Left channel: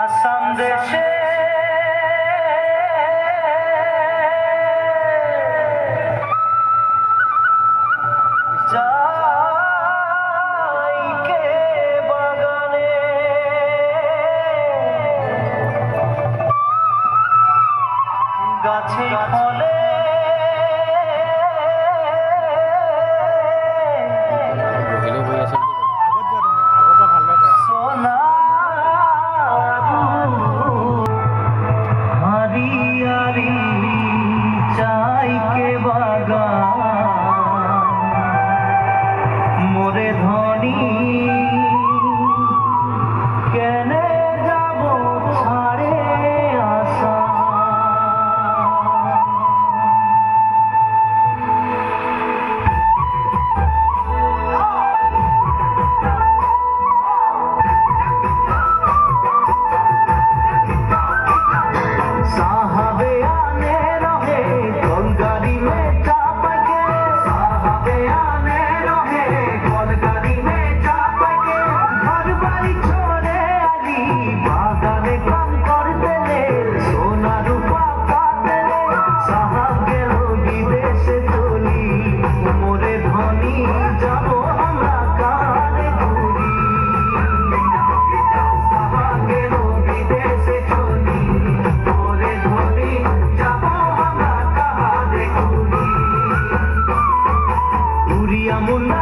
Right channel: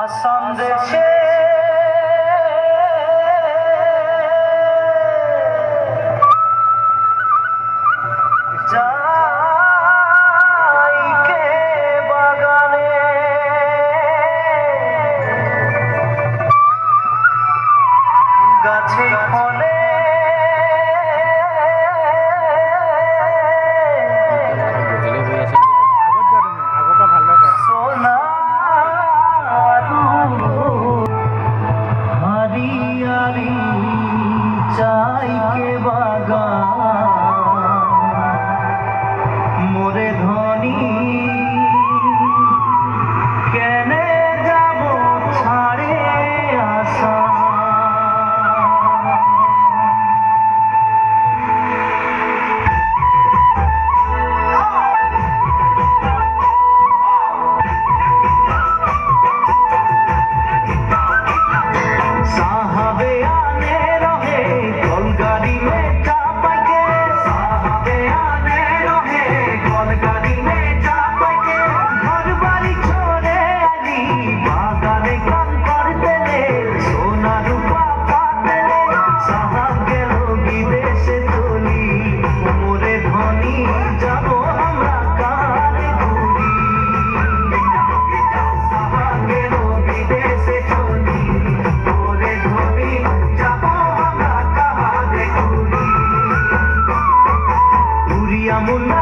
আসাম দেশে যাইকে বাগানে গাছে ফলে মোরে ধনী কেনে যাব ছাড়ে আসা साहबे आने रहे कलगाड़ी में चापा के साहबे आने रहे कलगाड़ी में चापा के घर बाड़ी छोड़े आली बागाने काम करते ले सोना रूपा पाते ले साहब गेलो विदेशे चली मोरे धनी जाबो हमरा काले घुरी साहब गेलो विदेशे चली मुल्ला